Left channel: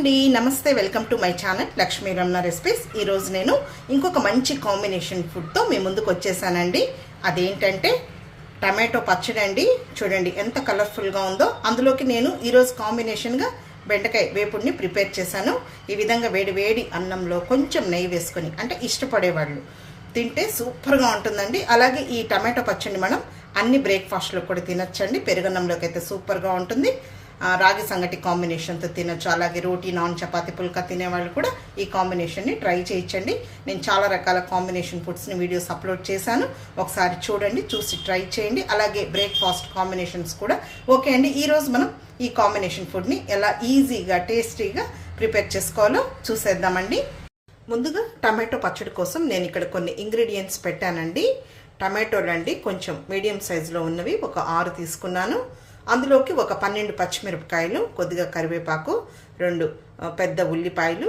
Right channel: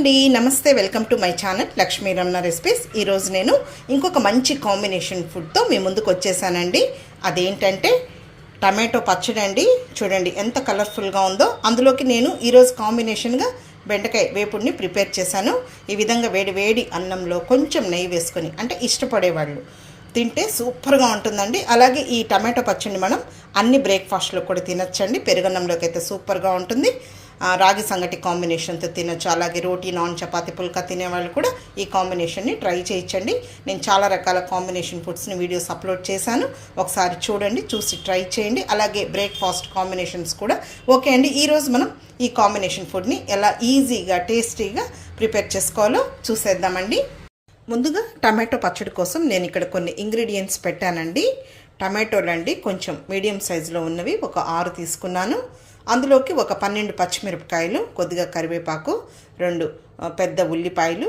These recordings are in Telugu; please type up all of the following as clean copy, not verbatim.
అండి, నమస్తే. Welcome to my channel Lakshmi Ramana recipes. ఈరోజు నేను ఇంకొక మంచి కాంబినేషన్ ఫుడ్తో మీ ముందుకు వచ్చేసానండి. అదేంటంటే టమాటో పచ్చడి అండి. చూడండి ఎంత కలర్ఫుల్గా ఉందో. అందులోకి నేను ఈరోజు కాంబినేషన్గా బెండకాయ వేపుడిని ప్రిపేర్ చేశాను. ఈ విధంగా వేడి వేడి అన్నంలో కొంచెం నెయ్యి వేసుకొని, అంటే ఇష్టపడేవాళ్ళు తింటే సూపర్గా ఉంటుందండి. అలాగే ఈ టమాటో పచ్చడిని మనం అన్ని బ్రేక్ఫాస్ట్లో కూడా తినొచ్చండి. పెరుగన్నంలోకి అయితే సూపర్గా ఉంటుంది. రాగి సంగటి కాంబినేషన్తో తినొచ్చు. అలాగే రోటీ, నాన్, చపాతీ, పుల్కా తినేవాళ్ళు కూడా ఈ కాంబినేషన్ని ట్రై చేయించండి. నేను చాలా రకాల కాంబినేషన్ ఫుడ్స్ని వీడియోస్ అప్లోడ్ చేశాను, ఒకసారి చూడండి, చూసి ట్రై చేయండి. అలాగే బ్రేక్ఫాస్ట్ కాంబినేషన్స్ కూడా ఓకే అండి. ఈరోజు మనం ఈ కాంబినేషన్ ఫుడ్ని ఎలా ఈజీగా టేస్టీగా ప్రిపేర్ చేసుకోవాలో చూసేద్దామండి. ముందుగా టమాటో పచ్చడి కోసం నేను ఇక్కడ కొన్ని ఇంగ్రీడియంట్స్ పెట్టానండి. టమాటోలు అండి కొంచెం మీడియం సైజులో ఉన్నవి ఒక 6 తీసుకున్నాను. అందులోకి ఒక 12 పచ్చిమిరపకాయలు, కొద్దిగా కరివేపాకు, 2 పెద్ద ఉల్లిపాయలు,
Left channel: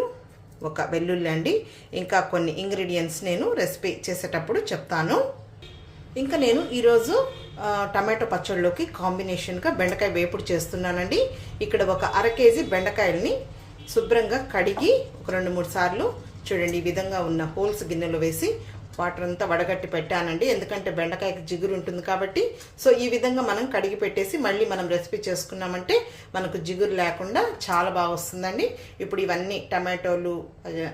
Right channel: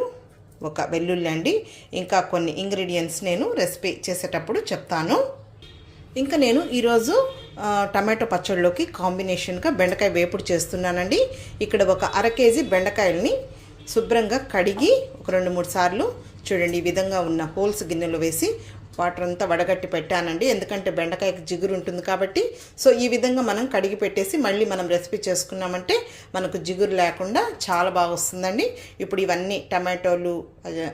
ఒక వెల్లుల్లి అండి. ఇంకా కొన్ని ఇంగ్రీడియంట్స్ నేను రెసిపీ చేసేటప్పుడు చెప్తాను. ఇంకా నేను ఈరోజు టమాటో పచ్చడిలోకి కాంబినేషన్గా బెండకాయ వేపుడు చేస్తున్నానండి. ఇక్కడ ఒక 1/2 కేజీ బెండకాయలని శుభ్రంగా కడిగి ఒక 2-3 సార్లు చూడండి ఈ విధంగా ఉన్న హోల్స్ గిన్నెలో వేసి వాటర్ అంతా వడగట్టి పెట్టానండి. ఎందుకంటే బెండకాయకి జిగురు ఉంటుంది కాబట్టి. సో ఈ విధంగా మనం కడిగి పెట్టేసి మళ్ళీ మనం రెసిపీ చేసుకున్నామంటే మనకు జిగురు లేకుండా చాలా బాగా వస్తుందండి. ఇప్పుడు ఇవన్నీ టమాటోలు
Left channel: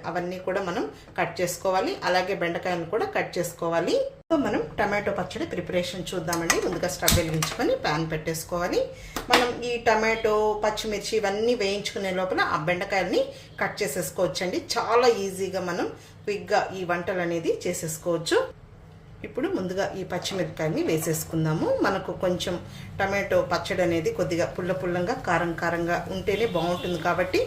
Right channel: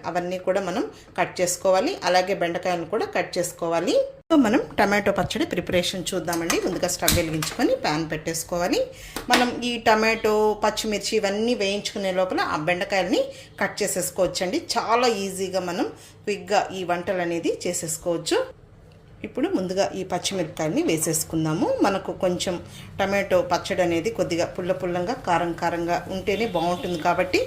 అవన్నీ కూడా మనం కట్ చేసుకోవాలి. అలాగే బెండకాయలు కూడా కట్ చేసుకోవాలి. సో మనం టమాటో పచ్చడి ప్రిపరేషన్ చూద్దామండి. ముందుగా స్టవ్ వెలిగించుకొని ప్యాన్ పెట్టేసుకోవాలి. మనం ఈ టమాటో, పచ్చిమిర్చి ఇవన్నీ వేయించుకునే లోపల ఆ బెండకాయలని కట్ చేసేసుకోవచ్చండి. చాలా ఈజీగా మనం క్విక్గా ఈ వంటలు అనేది చేసేసుకోవచ్చు. ఇప్పుడు ముందుగా ఈ పచ్చిమిరపకాయని వేసేసుకుందాము. మనకు కొంచెం టమాటో పచ్చడి అనేది కొద్దిగా పుల్లంగా కారంగా ఉంటేనే బాగుంటుంది కాబట్టి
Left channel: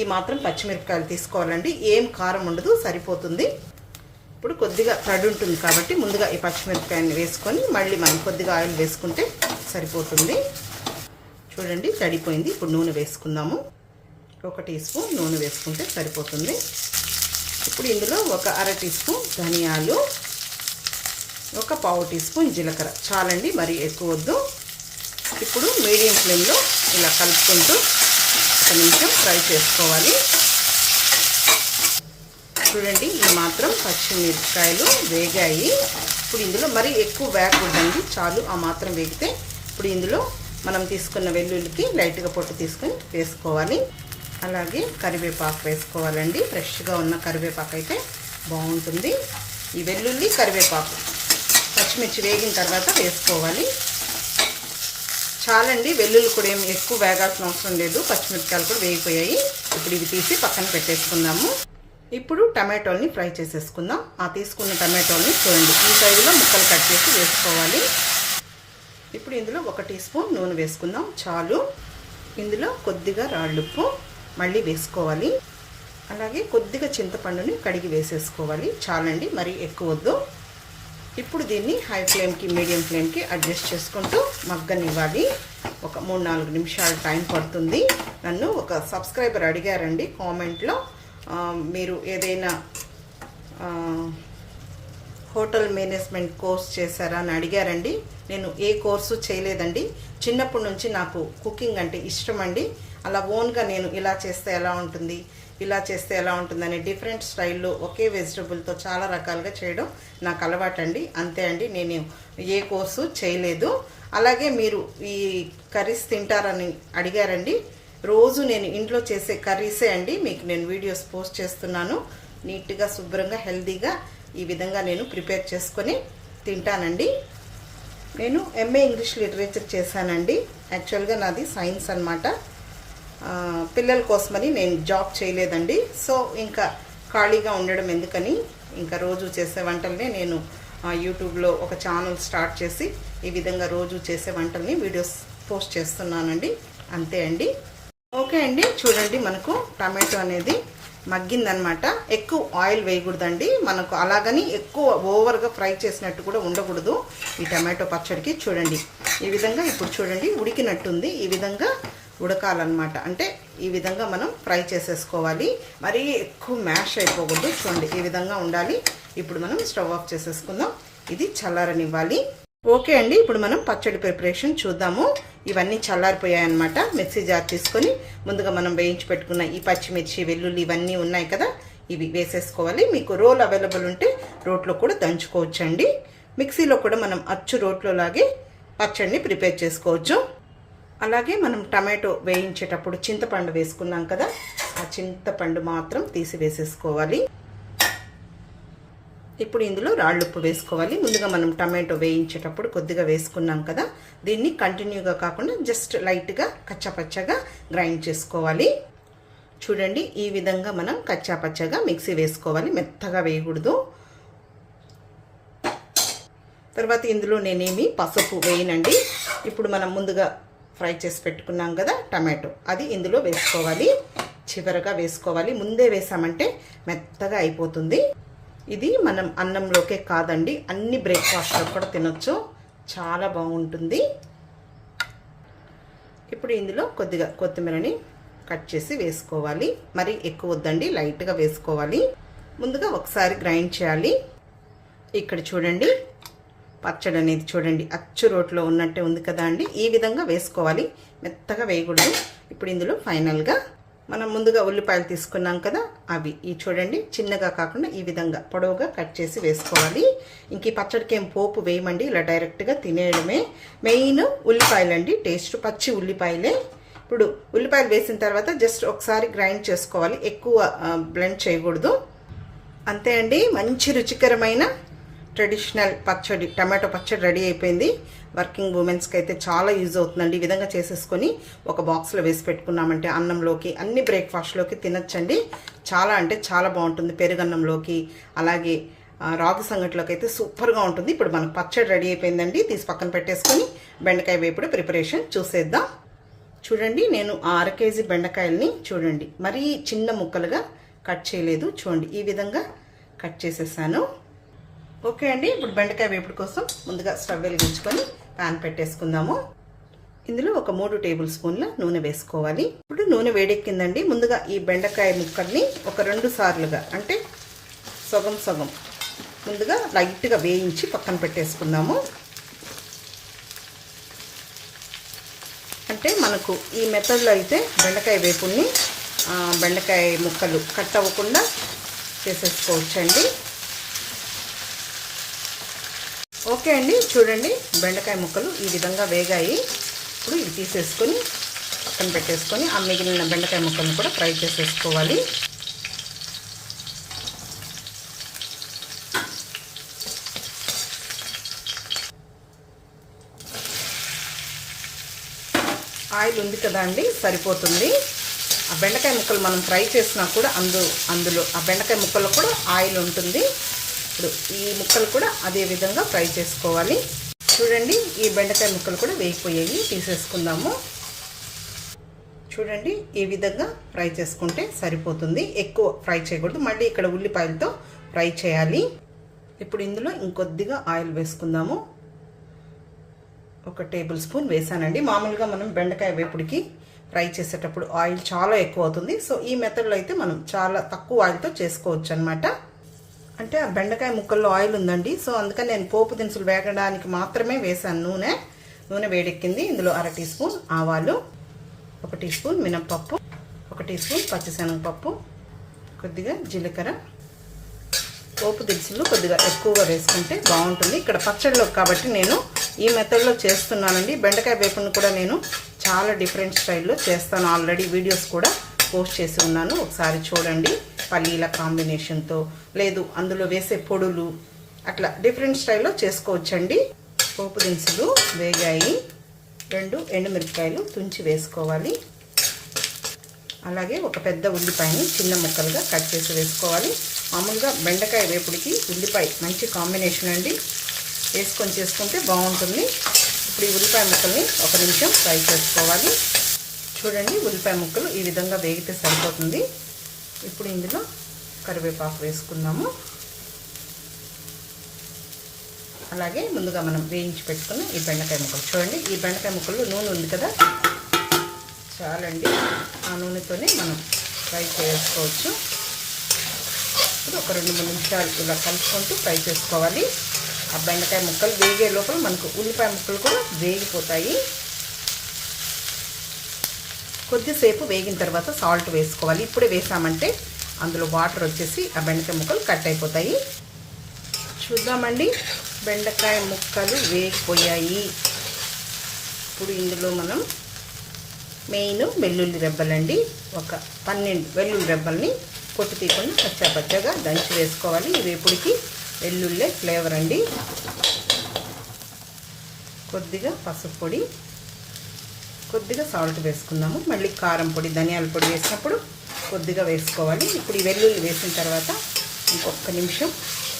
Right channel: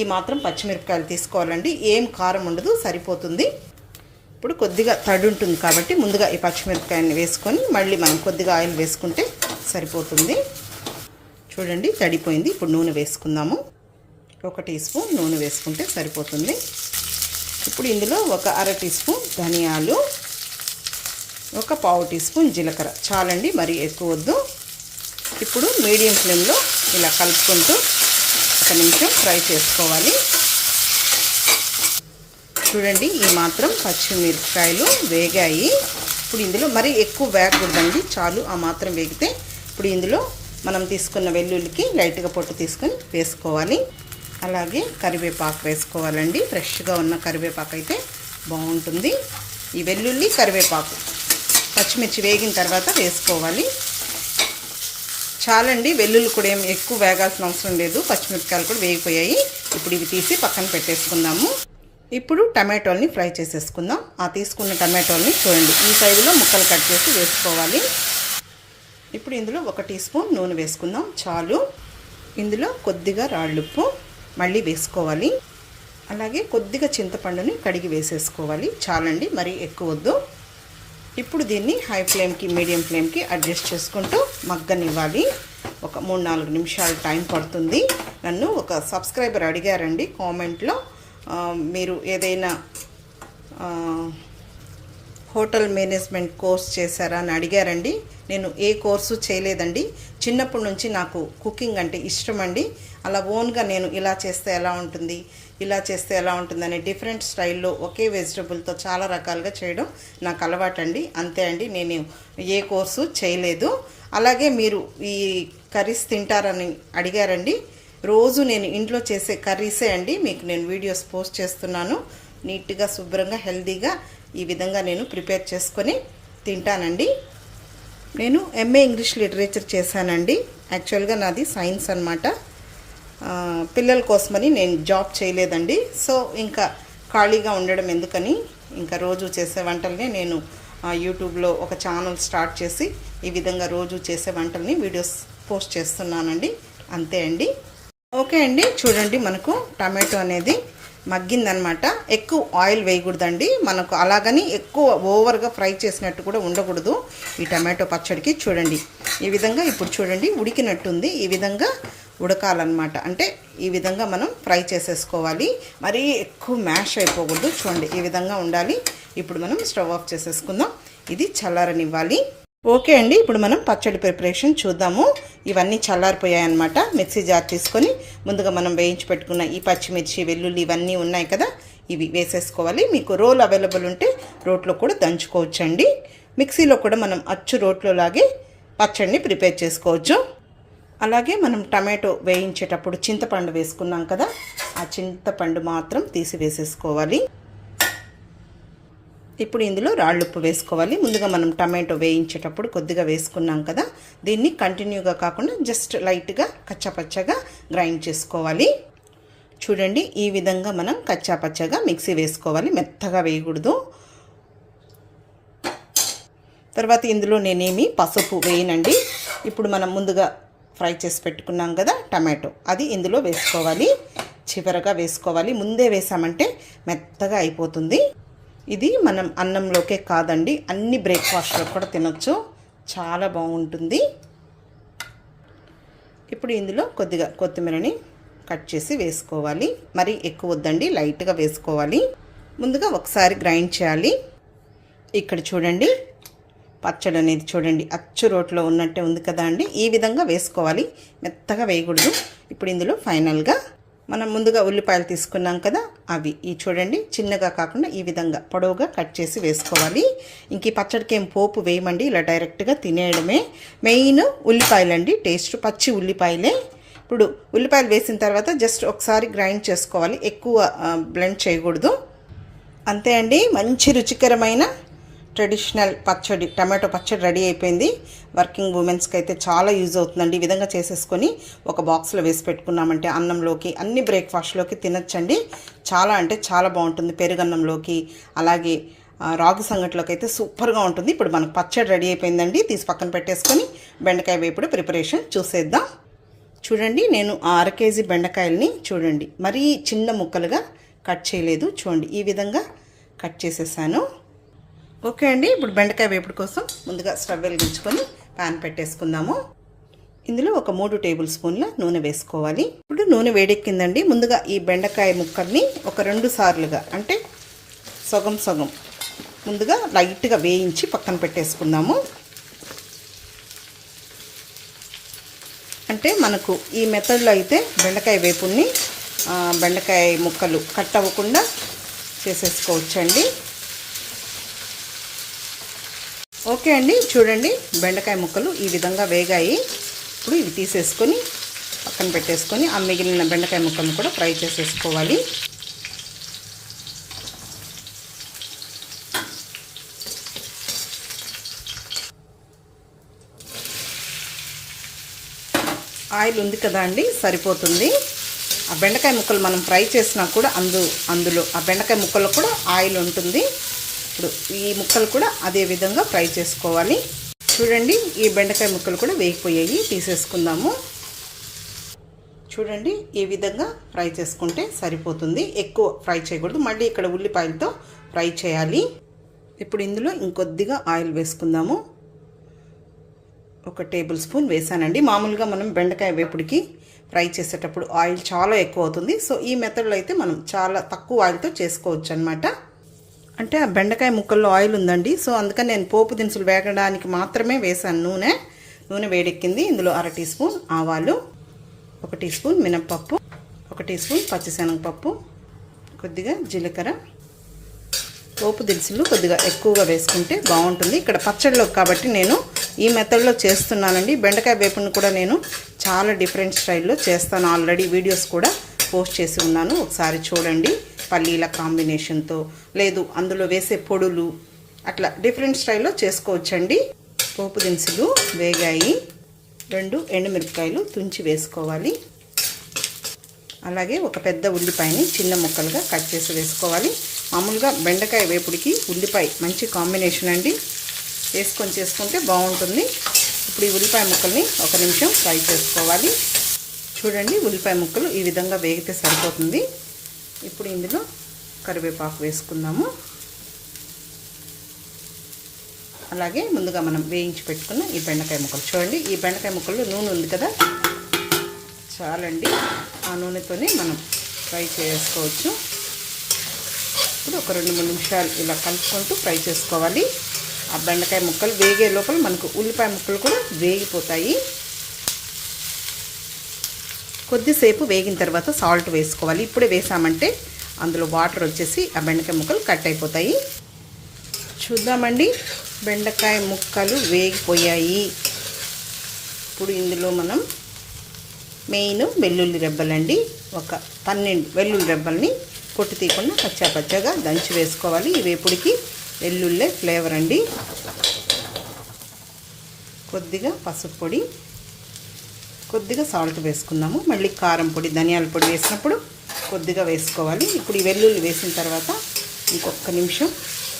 ఈ మాత్రం పచ్చిమిరపకాయలు తీసుకోవాలండి. ఏం కారం ఉండదు, సరిపోతుంది. ఇప్పుడు కొద్దిగా తడి ఉంటుంది కాబట్టి ముందుగా ఈ పచ్చిమిరపకాయని వేసుకొని మళ్ళీ మనం కొద్దిగా ఆయిల్ వేసుకుంటే సరిపోతుంది. చూడండి తడిపోయింది. ఇప్పుడు నూనె వేసుకుందాము. 1 టీ స్పూన్ నూనె వేసుకుంటే సరిపోతుంది. ఇప్పుడు ఇందులో ఒక 1/2 టీ స్పూన్ ధనియాలు, ఒక 1/4 టీ స్పూన్ జీలకర్ర చాలండి, మరీ ఎక్కువ వద్దు. ఇప్పుడు మీడియం ఫ్లేమ్లో ఇలా కలుపుకుంటూ 1 నిమిషం ఫ్రై చేసుకోవాలి. చూడండి ఈ మాత్రం పచ్చిమిరపకాయలు వేగాయి. ఇప్పుడు ఇందులో మరీ ఎక్కువ వేగకూడదండి, చాలు ఆ మాత్రం వేగితే. ఇప్పుడు ఇందులో మనం తీసుకున్న వెల్లుల్లికి లైట్గా పొట్టు తీసుకొని వేసుకోవాలి. అలాగే కరివేపాకు వేసుకోవాలండి. ఫ్రెష్గా ఉన్న కరివేపాకు అయితే బాగుంటుంది. ఈ వెల్లుల్లి, కరివేపాకు, పచ్చిమిర్చి వేగిన తర్వాత వేసుకోవాలి. చాలండి, వెల్లుల్లి కూడా ఏం ఎక్కువ వేగాల్సిన అవసరం లేదు. పచ్చిమిరపకాయలు కూడా వేగిపోయాయి. ఇప్పుడు ఇవి తీసి పక్కన పెట్టేసుకుందాము. ఇప్పుడు టమాటోల్ని ఫ్రై చేసేసుకుందాం. ఆ తీసుకున్న టమాటోల్ని చూడండి ఈ సైజులో ముక్కలు కట్ చేసి వేసుకోవాలి. ఇప్పుడు ఇందులో 1 టీ స్పూన్ నూనె వేసుకుందాం, చాలు. ఇందులో కొద్దిగా రాళ్ళుప్పు మళ్ళీ వేసుకోవాలి. అలాగే కొద్దిగా చింతపండుని కడిగి వేసేసుకోవాలి. చాలండి, మరీ ఎక్కువ వద్దు. ఇప్పుడు దీన్ని హై ఫ్లేమ్కి, మీడియం ఫ్లేమ్కి అడ్జస్ట్ చేసుకుంటూ మగ్గనివ్వాలి. ఒక 3-4 నిమిషాలు టైం పడుతుంది. నన్ను ఒక సబ్స్క్రైబర్ అడిగారండి కామెంట్లో, మీరు ఏదైనా హోటల్ మేనేజ్మెంట్ కోర్స్ చేశారా అని అడిగారండి. నేను ఏ కోర్సు చేయలేదండి. చిన్నప్పటి నుంచి నాకు కుకింగ్ అంటే ఇష్టం అండి. అలా ఓన్గా నేను ఇలా చేస్తే ఎలా ఉంటుంది, ఇలా చేస్తే ఎలా ఉంటుంది అనే డిఫరెంట్ స్టైల్లో ఒకే వెజిటబుల్తో చాలా రకాలుగా చేయడం నాకు అలవాటండి. అంతే అండి, నేను ఏ కోర్సు చేయలేదు. అలాగే మీరు ఈ కర్రీస్ తింటారని అడిగారండి. రోజు నేను ఇంట్లో చేసే కర్రీసే అండి మీకు నేను వీడియోస్ పోస్ట్ చేస్తున్నాను. నీట్గా, శుభ్రంగా, హెల్తీగా ఈ విధంగా నేను ప్రిపేర్ చేసుకొని తింటానండి. నేను ఎంఏ ఇంగ్లీష్ లిటరేచర్ చేశానండి. యాక్చువల్గా నాది సైన్స్ అన్నమాట. పిల్లల కోసమని నేను జాబ్ చేయలేదండి. సో ఇంకా ఖాళీగా ఉండడం ఎందుకని ఇంకా రోజు చేసే వంటల్ని నేను యూట్యూబ్లో ఒక ఛానల్ స్టార్ట్ చేసి ఈ విధంగా రోజు చేసే వంటల్ని వీడియోస్ పోస్ట్ చేస్తున్నానండి. అంతే అండి. ఓకే అండి, చూడండి మనకు టమాటో అనేది మగ్గిందనమాట. ఎక్కువ ఆయిల్ వేయకూడదండి మనకు, అలాగని ఎక్కువ ఓవర్గా ఫ్రై చేసినట్టు కూడా ఉండకూడదు ఈ టమాటో పచ్చడికి. చూడండి ఈ విధంగా ఇప్పుడు చూడండి ఉడికినట్టుంది. ఈ విధంగా ఉడకాలన్నమాట. అంటే ఈ విధంగా మనం ఫ్రై చేసేసుకోవాలి. మరీ ఎక్కువ మ్యాష్ అయిపోకూడదు. చూడండి ఈ విధంగా ఉండాలి. ఇప్పుడు మనం స్టవ్ ఆఫ్ చేసేసుకుందాం. ఇది చల్లారనివ్వాలి. ఓకే అండి, ఇప్పుడు మనం పచ్చడి ప్రిపరేషన్ చూద్దాము. ఇవన్నీ చల్లారిపోయాయి అన్నమాట. మిక్సీ జార్ తీసుకొని ముందుగా మనం వేయించి పెట్టుకున్న ఈ పచ్చిమిర్చి, వెల్లుల్లి ఇవన్నీ ఉన్నాయి కదా, ఇవి వేసేసుకోవాలి. మీకు రోల్ అవైలబుల్ ఉంటే రోట్లో కూడా దంచుకోవచ్చండి. మిక్సీలో కూడా మనం అచ్చు రోట్లో లాగే పచ్చడిని ప్రిపేర్ చేసుకోవచ్చు. అలాగే మనం టమాటో వేయించేటప్పుడు చింతపండు వేసుకున్నాం కదా, ఆ చింతపండు మాత్రం తీసి వేసేసుకోవాలి. ఇప్పుడు ఇందులో రాళ్ళుప్పు వేసుకోవాలి. ముందుగా మనం టమాటో వేయించేటప్పుడు కొద్దిగా వేసుకున్నాం కదా, దీన్ని కంటిన్యూగా కాకుండా జస్ట్ లైట్గా కచ్చాపచ్చగా గ్రైండ్ చేసుకోవాలి. చూడండి, ఈ విధంగా మనం కచ్చాపచ్చగా మిక్సీ వేసుకోవాలి, మెత్తగా వేయకూడదు. తర్వాత ఇందులో నేనేమి పసుపు వేయనండి. ఇప్పుడు మనం ముందుగా ఫ్రై చేసి పెట్టుకున్నాం కదా టమాటో, అది ఇందులో వేసుకోవాలి. చివరగా వేసుకోవాలి, ముందే వేసామంటే మెత్తగా అయిపోతుంది. ఇది మనం అన్నంలోకే కాదండి, అన్ని బ్రేక్ఫాస్ట్లో కూడా తినొచ్చు, చాలా బాగుంటుంది. ఇప్పుడు ఇందులో కొద్దిగా కొత్తిమీరని కట్ చేసి వేసుకోవాలి. మరి ఎక్కువ వద్దండి, లైట్గా వేసుకోవాలి. ముందుగా ఒకసారి గ్రైండ్ చేయాలి. ఇక్కడ చూడండి, పచ్చడి అనేది చూడండి అచ్చు రోట్లో ఉన్నట్టే ఉంది కదా అండి, ఈ విధంగా వేసుకోవాలి, మెత్తగా వేయకూడదు. ఇప్పుడు ఇందులో ఫైనల్గా మనం ముందుగా ఉల్లిపాయలు తీసుకున్నాం కదా, అవి ఈ చూడండి చిన్నగా కాకుండా ఈ విధంగా పొడవుగా కట్ చేసి వేసుకోవాలి. ఇంక ఈ పచ్చడికి ఏం పోపు వేయమండి, ఇలా డైరెక్ట్గా తినేయడమే. మెయిన్ ఉల్లిపాయలండి, టేస్ట్ పచ్చి ఉల్లిపాయలే. ఇప్పుడు ఉల్లిపాయలు వేసిన తర్వాత జస్ట్ ఒకసారి గ్రైండ్ చేసుకోవాలి, ఎక్కువ బ్లెండ్ చేయకూడదు. అంతే అండి, మంచి రుచికరమైన ట్రెడిషనల్ పచ్చడి, టమాటో పచ్చడి రెడీ అయిపోయింది. వర్కింగ్ ఉమెన్స్కి అయితే చాలా యూజ్ అవుతుందండి. ఈ విధంగా చేసేసుకొని ఒక బాక్స్లో వేసి పెట్టుకున్నామంటే అన్నంలోకి, అన్ని బ్రేక్ఫాస్ట్లోకి తినచ్చండి. చాలా అంటే చాలా బాగుంటుంది, పెరుగన్నంలోకి, అలాగే రాగి సంగటిలోకి అయితే సూపర్గా ఉంటుంది. ఇప్పుడు మనకు పచ్చడి రెడీ అయిపోయిందండి, తీసి పక్కన పెట్టేసుకొని బెండకాయ వేపుడు ప్రిపరేషన్ చూసేద్దాం. చూడండి, నేను 1/2 కేజీ బెండకాయలని చూడండి మరీ చిన్న ముక్కలుగా కట్ చేయలేదు, చూడండి ఈ విధంగా కట్ చేసేసాను. ఓకే అండి, ఇప్పుడు బెండకాయ వేపుడు కోసం ముందుగా స్టవ్ వెలిగించుకొని ప్యాన్ పెట్టేసుకుందాము. ఇందులో ఒక 3 టేబుల్ స్పూన్ల నూనె వేసుకోవాలి. ఇప్పుడు నూనె వేడెక్కిందండి. ముందుగా ఈ బెండకాయ ముక్కల్ని ఒక 2 సార్లుగా అంటే సగం సగం ముందుగా లైట్గా వేయించి పక్కన పెట్టేసుకుందాము. అంటే మనకు ఈ మెథడ్లో అయితే బెండకాయ వేపుల్ని బెండకాయ ముక్కలు కట్ అవ్వకుండా చేసేసుకోవచ్చండి. ఓకే అండి, చూడండి బెండకాయ ముక్కలు ఈ విధంగా వేగాయి. ఇప్పుడు ఇవి తీసేసుకొని పక్కన పెట్టేసుకొని ఆ మిగిలిన బెండకాయ ముక్కలను కూడా ఫ్రై చేసేసుకోవాలి. ఆయిల్ ఉంది కదా అండి, సరిపోతుంది. ఆ బెండకాయ ముక్కలు మనం ఫ్రై చేసినా కూడా అందులో ఆ బెండకాయ ముక్కల్లో కూడా ఆయిల్ ఉంటుంది. ఇప్పుడు ఈ ముక్కలు కూడా అదే విధంగా ఫ్రై చేసుకోవాలి. చూడండి, ఈ బెండకాయ ముక్కలు కూడా వేగిపోయాయి, తీసేసుకుందాము. చూడండి, ఈ విధంగా ఫ్రై చేసుకుంటే సరిపోతుంది, ఎక్కువ ఫ్రై చేయకూడదు. మళ్ళీ ఇక్కడ ఉల్లిపాయలతో ఫ్రై చేయాలి. ఇప్పుడు ఇందులో ఇంకొద్దిగా ఆయిల్ వేసుకుందాము. 1 టేబుల్ స్పూన్ వేసానండి. మామూలుగా మనం బెండకాయ వేపుడికి ఫ్రై చేసేటప్పుడు ఆయిల్ చాలా ఎక్కువ అవుతుంది. సో ఈ మెథడ్లో అయితే మనం చాలా తక్కువ ఆయిల్తో చేసుకోవచ్చు అనమాట. అంటే ఆ బెండకాయ ముక్కల్లో ఆయిల్ ఉందండి, సో అందుకని నేను పోపు దినుసులు వేగడానికి మాత్రమే వేసాను నూనె వేడెక్కింది. ఇందులో 1/2 టీ స్పూన్ ఆవాలు, 1 టీ స్పూన్ మినప్పప్పు, 1 టీ స్పూన్ పచ్చిశనగపప్పు, కొద్దిగా జీలకర్ర. పోపు దినుసులు కొద్దిగా ఎక్కువగా వేసుకుంటే బాగుంటుంది ఇక్కడ పచ్చడిలో కాబట్టి నేను ఈ మెథడ్లో చేస్తున్నానండి. బెండకాయ వేపుని కూడా నేను చాలా డిఫరెంట్ స్టైల్లో చేస్తాను, ఆల్రెడీ వీడియోస్ కూడా పోస్ట్ చేసి ఉన్నాను, ఒకసారి చూడండి. పల్లీల కాంబినేషన్తో, లేదు అందులో వేసే పొడులు, అట్లా డిఫరెంట్ స్టైల్లో చేసుకోవచ్చండి. పోపు దినుసులు వేగాయి. 2 ఎండుమిరపకాయలు తుంచి వేసుకోవాలి. అలాగే ఒక పెద్ద ఉల్లిపాయని చిన్న ముక్కలుగా కట్ చేసి వేసుకోవాలి. మామూలుగా బెండకాయ వేపుడికి ఉల్లిపాయ మంచి కాంబినేషన్ అండి, వేసుకొని చేసుకుంటే బాగుంటుంది. ఇప్పుడు ఈ ఉల్లిపాయ ముక్కల్ని 1 నిమిషం ఫ్రై చేసుకోవాలి. చూడండి, ఉల్లిపాయ ముక్కలు ఈ విధంగా వేగితే సరిపోతుంది. ఇప్పుడు ఇందులో కరివేపాకు వేసుకుందాము. అలాగే ముందుగా మనం వేయించి పెట్టుకున్న ఈ బెండకాయ ముక్కలు చూడండి, ఈ బెండకాయ ముక్కల్లో నూనె ఉంది కదా, చాలండి. ఆ నూనెతోనే మనం ఫ్రై చేసుకోవచ్చు. ఇప్పుడు ఒక 2-3 నిమిషాలు ఇలా కలుపుకుంటూ ఫ్రై చేసుకోవాలి. ఆ బెండకాయ ముక్కలు వేగే లోపల మనకు ఉల్లిపాయ ముక్కలు కూడా వేగిపోతాయి. కొద్దిసేపు వేగిన తర్వాత సాల్ట్ వేసుకోవాలి. ఇప్పుడే వేసామంటే అందులో వాటర్ వచ్చేసి ఆ బెండకాయ ముక్కలు కట్ అయిపోతాయి. చూద్దామండి, బెండకాయ ముక్కలు వేగిపోయాయి. ఇప్పుడు ఇందులో మనం మెయిన్ వెల్లుల్లి రెబ్బలండి, ఒక 12 వెల్లుల్లి రెబ్బల్ని పొట్టు తీయకుండా పచ్చగా దంచి వేసుకోవాలి. ఈ వేపుడికి వెల్లుల్లే ఫ్లేవర్ అండి. కొద్దిగా పసుపు పొడి, కొద్దిగా సాల్ట్ వేసుకుందాము. మళ్ళీ కారం పొడి, ధనియాల పొడి వేసినప్పుడు కొద్దిగా వేసుకోవాలి. ఇప్పుడు ఈ వెల్లుల్లి వేసిన తర్వాత ఇంకొక నిమిషం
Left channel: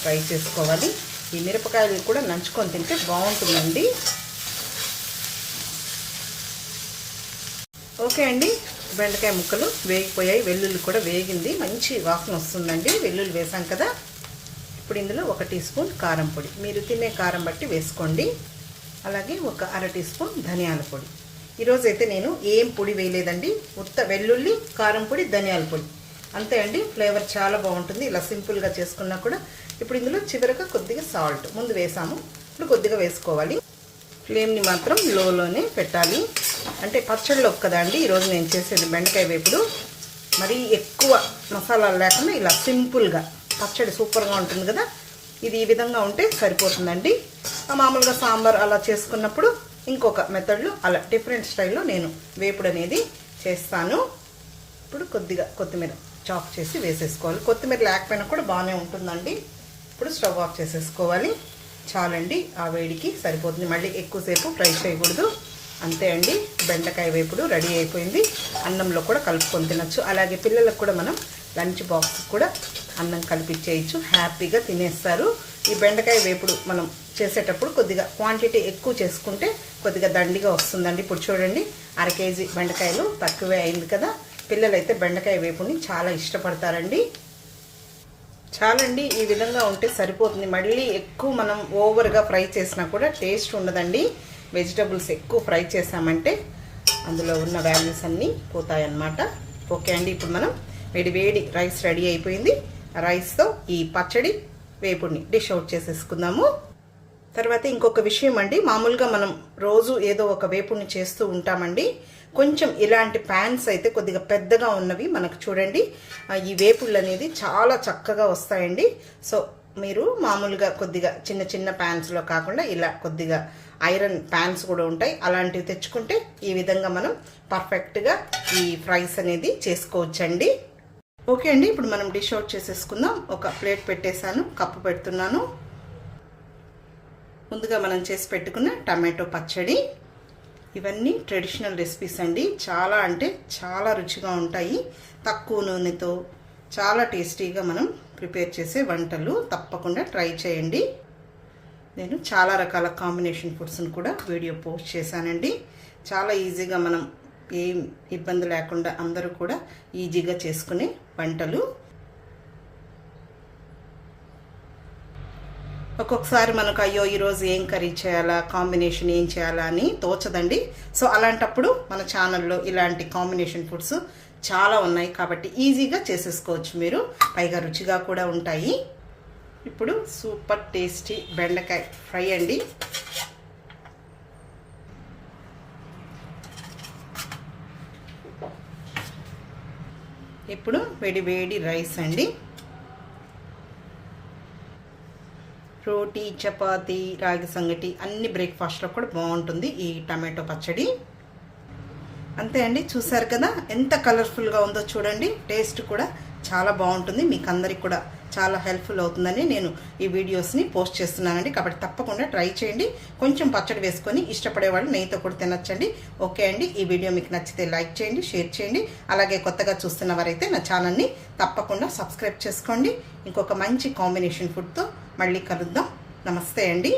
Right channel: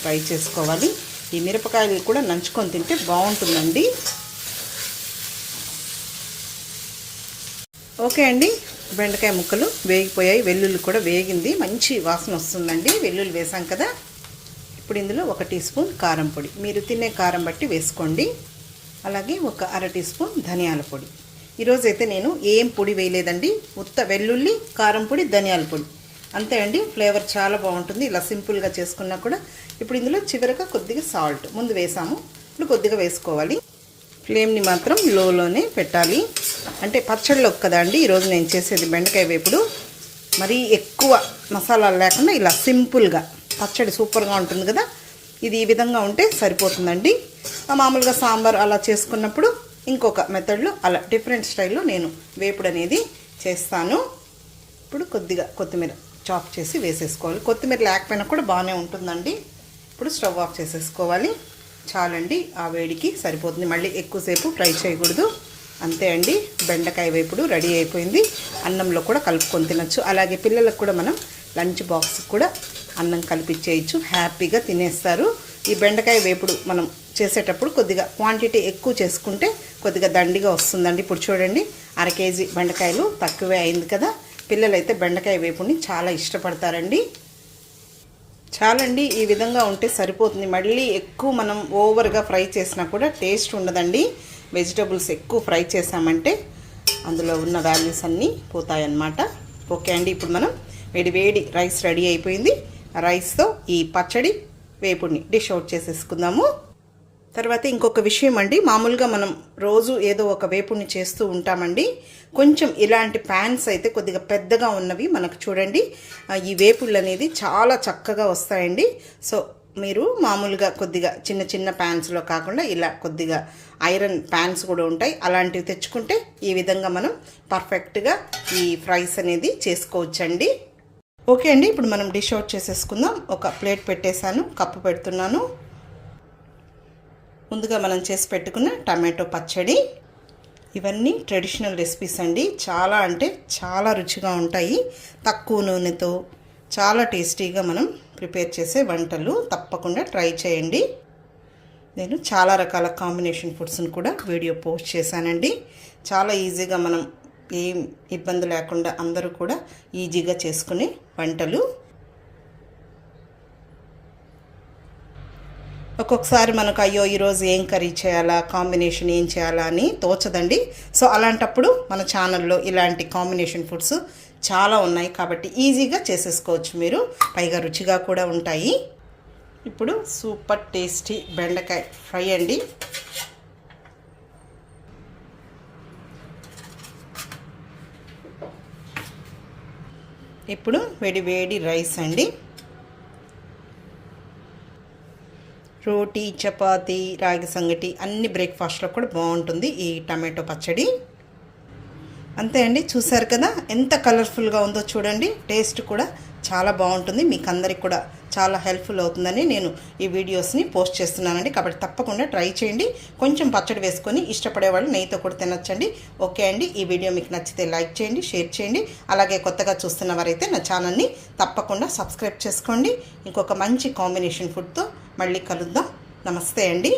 ఫ్రై చేసుకోవాలి. ఈ మిరపకాయలు కూడా నంచుకొని తింటే బాగుంటుందండి. ఓకే అండి, బెండకాయ ముక్కలు వేగిపోయాయి, వెల్లుల్లి కూడా వేగింది, మంచి వాసన వస్తుందండి. వెల్లుల్లి వేసాం కదా. ఇప్పుడు ఇందులో 1 టీ స్పూన్ కారం పొడి, మీరు తినే కారం బట్టి వేసుకోండి. అలాగే ఒక 1/2 టీ స్పూన్ ధనియాల పొడి. ఈరోజు అయితే నేను ఏం పొడి వేయలేదండి, ఉత్త వెల్లుల్లి, కారం పొడి, ధనియాల పొడి అంతే అండి. ఫ్లేవర్ చాలా బాగుంటుంది ఇలా సింపుల్గా చేసుకున్నా కూడా. ఇప్పుడు ఇందులో చివరగా కొద్దిగా సాల్ట్ ముందు వేసాము, ఇప్పుడు కొద్దిగా వేసుకోవాలి. ఫ్లేమ్ని మాత్రం లోలోనే పెట్టాలి. అంటే పచ్చడిలో కదా అండి ఈరోజు నేను చేసేది బెండకాయ వేపుడు. మరీ ఎక్కువ మసాలాలు లేకుండా ఇలా సింపుల్గా పచ్చడి సూపర్గా ఉంటుంది కదా. ఇది ఈ విధంగా ఉంటే సరిపోతుందండి. మామూలుగా సాంబార్ అలా చేసుకున్నప్పుడు ఇంకొక మెథడ్లో అలా డిఫరెంట్ స్టైల్లో నేను వేపుడు అనేది చేస్తాను. ఇప్పుడు కొద్దిగా కొత్తిమీర చాప్ చేసి వేసేసుకోవాలి. కొత్తిమీర లేకపోయినా కూడా బాగానే ఉంటుందండి. ఇప్పుడు స్టవ్ ఆఫ్ చేసేసుకోవాలి. చాలండి, ఆ వేడికి సరిపోతుంది. మళ్ళీ ఎక్కువసేపు ఫ్రై చేయకూడదు. అంతే అండి, బెండకాయ వేపుడు రెడీ అయిపోయింది. అన్నంలో కూడా కలుపుకొని తినచ్చు. అలాగే పిల్లలకు కూడా మనం లంచ్ బాక్స్ కూడా అన్నం కలిపిచ్చేయచ్చు, హ్యాపీగా తినేస్తారు. ఈ బెండకాయ వేపుడు మనం చేసేటప్పుడు కొద్దిగా క్వాంటిటీ ఎక్కువ చేసుకుంటే కొద్దిగా దండిగా వస్తుందండి. ఇప్పుడు చూడండి, 1/2 కేజీ బెండకాయలు తక్కువే అయింది కదా. పిల్లలైతే బెండకాయ వేపుడిని చాలా ఇష్టపడతారండి. చాలండి, ఈ విధంగా ఉంటే సరిపోతుంది. మళ్ళీ ఎక్కువ మనం ఓవర్గా ఫ్రై చేసినా కూడా టేస్ట్ ఉండదండి. వెజిటబుల్స్ ఎక్కువ ఫ్రై చేసామంటే అందులో ఉన్న వాల్యూస్ అన్నీ పోతాయన్నమాట. ఓకే అండి, ఇప్పుడు మనం వేడి రైస్ రెడీ అయిపోయింది. రైస్తో ఈ పచ్చడి వేపుడిని డిష్ అవుట్ చేసేసుకుందాము. తర్వాత ఇంకొక విషయం అండి, మామూలుగా మనం రోజు ఏదో ఒక వేపుడిని చేస్తూ ఉంటామండి. కొంచెం ఇలాంటి ప్యాన్స్ అయితే కొద్దిగా పెద్దగా ఉన్నవి మనకు చూడండి, ఈ వేపుళ్ళు అనేది చాలా చక్కగా వస్తాయండి. సో మీరు మామూలుగా కొద్దిగా చిన్న ప్యాన్స్లో కాకుండా ఇలా కొద్దిగా ఐరన్ ప్యాన్స్ కూడా ఉంటాయి, అలాంటివి తెచ్చుకుంటే ఈ విధంగా మనం పర్ఫెక్ట్గా ఈ ఫ్రైస్ అనేది చేసుకోవచ్చండి. ఓకే అండి, ఇప్పుడు మనం డిష్ అవుట్ చేసేసుకుందాం. ఒక ప్లేట్ పెట్టేశాను, కప్పు పెడుతున్నాను. ముందుగా మనం చేసి పెట్టుకున్న టమాటో పచ్చడి. ఇవన్నీ ట్రెడిషనల్ రెసిపీస్ అండి, చాలా అంటే చాలా రుచిగా ఉంటాయి. తక్కువ నూనెతో చాలా టేస్టీగా మనం ప్రిపేర్ చేసే వంటలు, తప్పకుండా ట్రై చేయండి. నేను చాలా రకాల కాంబినేషన్ ఫుడ్స్ని కూడా వీడియో పోస్ట్ చేశానండి. చాలా ఈజీగా మనం ఏం ఇబ్బంది లేకుండా అందరూ కూడా ఈజీగా చేసుకునే వంటలు. ఒక్కొక్కసారి మనకు అయ్యో ఈరోజు ఏం కర్రీ చేయాలా, కాంబినేషన్ ఏం చేయాలా అని తోచదండి. సో అలాంటప్పుడు మన ఛానల్లో ఇలాంటి కాంబినేషన్ ఫుడ్స్ చాలా ఉన్నాయి కాబట్టి ఈజీగా చేసేసుకోవచ్చు మీరు, పైగా రుచిగా కూడా ఉంటాయి. ఇప్పుడు సూపర్ టేస్టీ బెండకాయ ఫ్రై అండి. ఇప్పుడు వేడి రైస్ అండి. రోటీ, చపాతీ, రాగి సంగటి అన్ని బ్రేక్ఫాస్ట్లో కూడా బాగుంటుంది ఈ టమాటో పచ్చడి. అంతే అండి, చూసారు కదా ఎంత కలర్ఫుల్గా ఉందో చూడండి. టేస్ట్ కూడా చాలా బాగుంటుంది, మీకు అందరికి కూడా చాలా హెల్ప్ఫుల్ అవుతుందని నేను ఈ వీడియోస్ని పోస్ట్ చేస్తున్నానండి. కాబట్టి తప్పకుండా ట్రై చేయండి. కొంచెం పచ్చడి వేసుకొని ఇష్టపడే వాళ్ళు నెయ్యితో కూడా తినచ్చండి. ఓకే అండి, ఈ వీడియో మీకు నచ్చితే లైక్ చేయండి, షేర్ చేయండి. అలాగే కొత్తగా చూస్తున్న వారైతే నా ఛానల్ని తప్పకుండా సబ్స్క్రైబ్ చేసుకోండి. ఇంకొక మంచి కాంబినేషన్ ఫుడ్తో మళ్ళీ కలుద్దాం. నమస్తే అండి.